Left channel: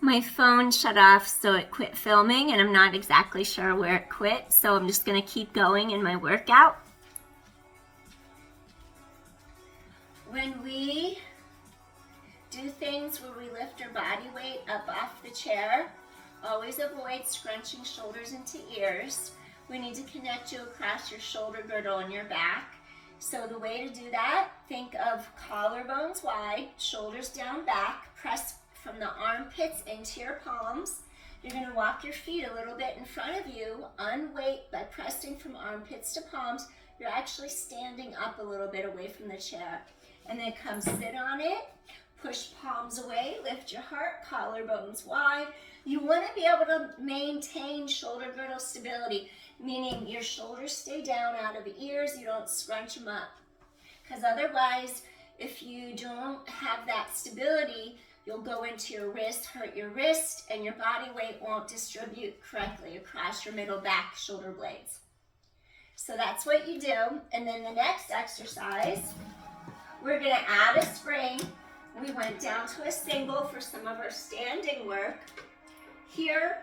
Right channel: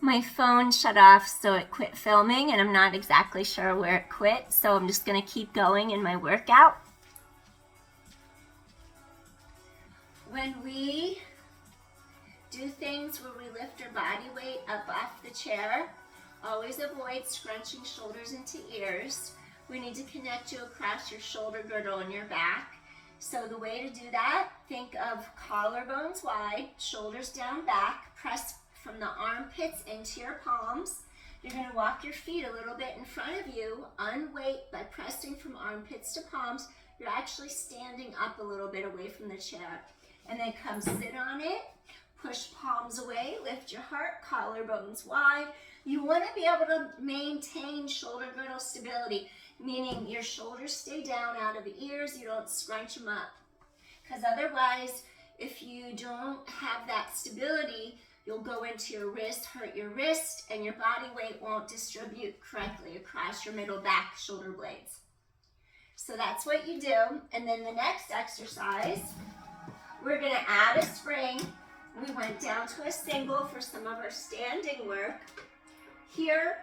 My phone shut off, so it quit filming, and I'm not exactly sure where it quit, so I'm just gonna keep going in my workout. When we do things where we lift our body weight up off the chair, always avoid scrunching shoulders into ears. We need to connect you across your shoulder girdle and your back. So the way to do that, think of collarbones wide, shoulders down back, press from the armpits into your palms. You're going to walk your feet a little bit in front of you, unweight by pressing from armpits to palms. You're actually standing up a little bit away from the chair. And then come sit on it, push palms away, lift your heart, collarbones wide. You want to be able to maintain shoulder girdle stability, meaning your shoulders stay down out of the ears, you don't scrunch them up. Because otherwise, if you don't have that stability, you'll go into your wrist, hurt your wrist, and your body weight won't distribute correctly across your middle back shoulder blades. So that's what you do. And then the next exercise, we're going to add a spring. We went down to a single for some of our standing work. Here,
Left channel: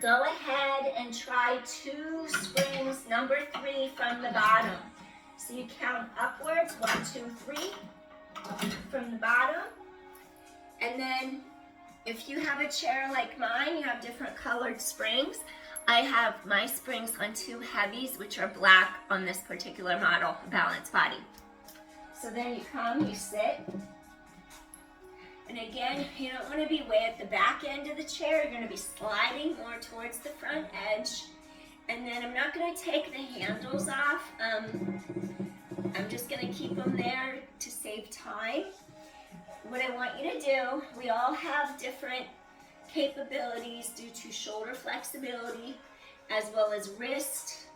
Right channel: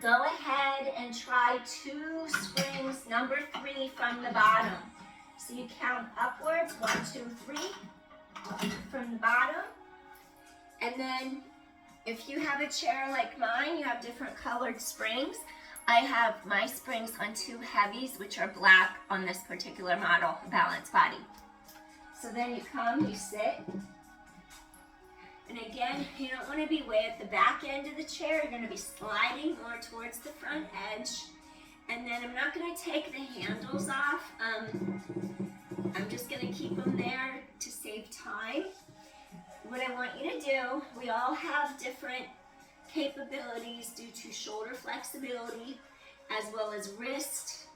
go ahead and try 2 springs, number 3 from the bottom. So you count upwards, 1, 2, 3 from the bottom. And then if you have a chair like mine, you have different colored springs. I have my springs on 2 heavies, which are black on this particular model, balanced body. So then you come, you sit. And again, you don't want to be way at the back end of the chair. You're going to be sliding more towards the front edge. And then I'm not going to take the handles off. I'm just going to keep them there to save time. What I want you to do, we all have different capabilities due to shoulder flexibility, as well as wrist,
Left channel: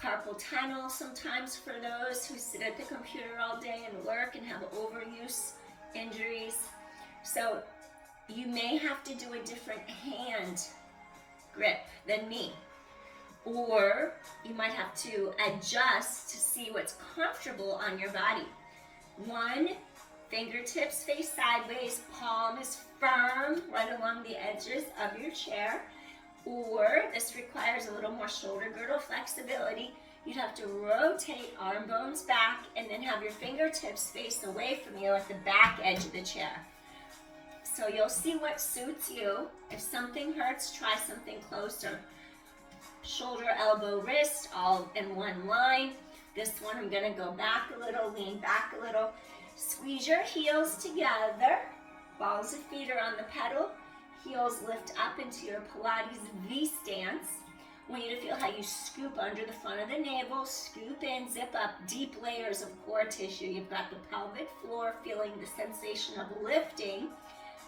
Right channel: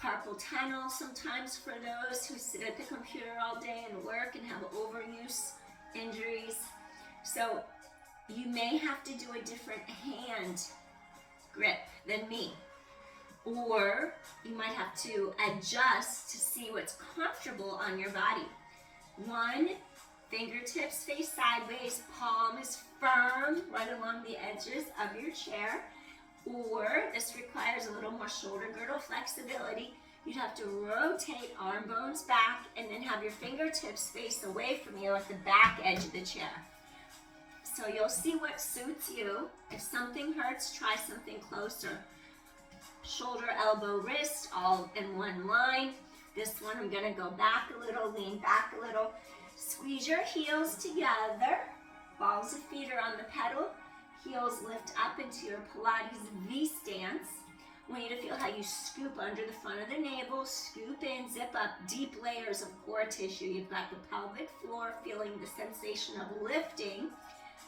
carpal tunnel sometimes for those who sit at the computer all day and work and have overuse injuries. So you may have to do a different hand grip than me. Or you might have to adjust to see what's comfortable on your body. 1, fingertips face sideways, palm is firm right along the edges of your chair. Or this requires a little more shoulder girdle flexibility. You'd have to rotate arm bones back and then have your fingertips face away from you at the back edge of the chair. So you'll see what suits you. If something hurts, try something closer. Shoulder, elbow, wrist, all in one line. This one, I'm gonna go back a little, lean back a little. Squeeze your heels together. Balls of feet are on the pedal. Heels lift up into your Pilates V stance. I want you to feel how you scoop under the front of the navel, scoop in, zip up, deep layers of core tissue. You've got the pelvic floor, feeling the sensation of lifting.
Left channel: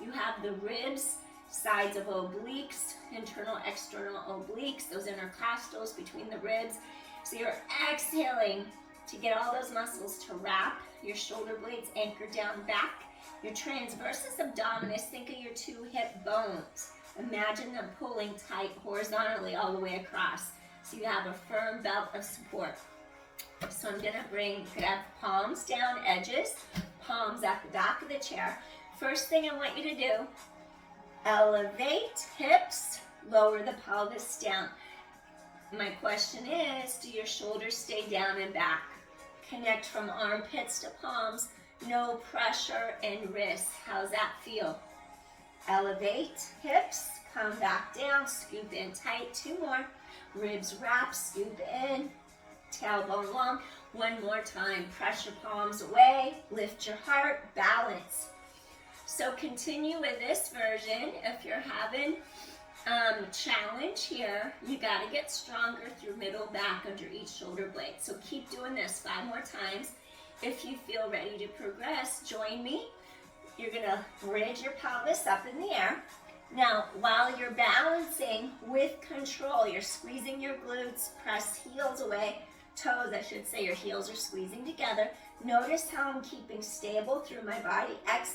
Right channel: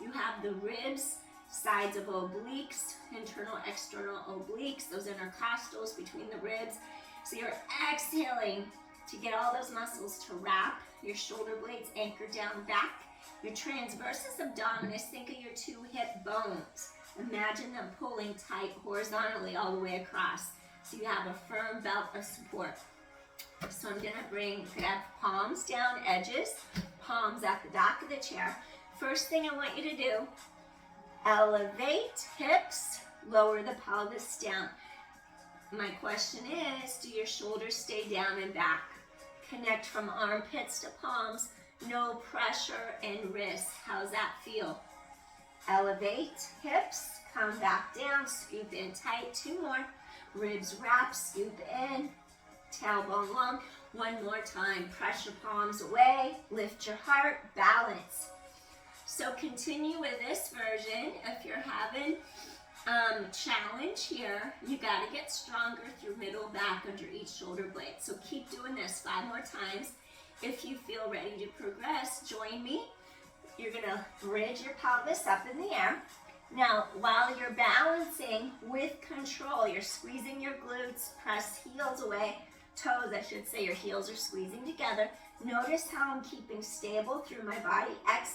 You have the ribs, sides of obliques, internal, external obliques, those intercostals between the ribs. So you're exhaling to get all those muscles to wrap, your shoulder blades anchored down back, your transversus abdominis, think of your 2 hip bones. Imagine them pulling tight horizontally all the way across. So you have a firm belt of support. So I'm gonna you could have palms down, edges, palms at the back of the chair. First thing I want you to do, elevate hips, lower the pelvis down. My question is, do your shoulders stay down and back? Connect from armpits to palms, no pressure in wrists. How's that feel? Elevate hips, come back down, scoop in tight, 2 more. Ribs wrap, scoop in, tailbone long. 1 more time, pressure palms away, lift your heart, balance. So continue with this version. If you're having challenge here, you gotta get stronger through middle back under each shoulder blade. So keep doing this 5 more times. If you feel ready to progress, join me. You're gonna bridge your pelvis up in the air. Now, while you're balancing with control, you're squeezing your glutes, press heels away, toes, I should say, your heels are squeezing together. Notice how I'm keeping stable through my body. Exhale.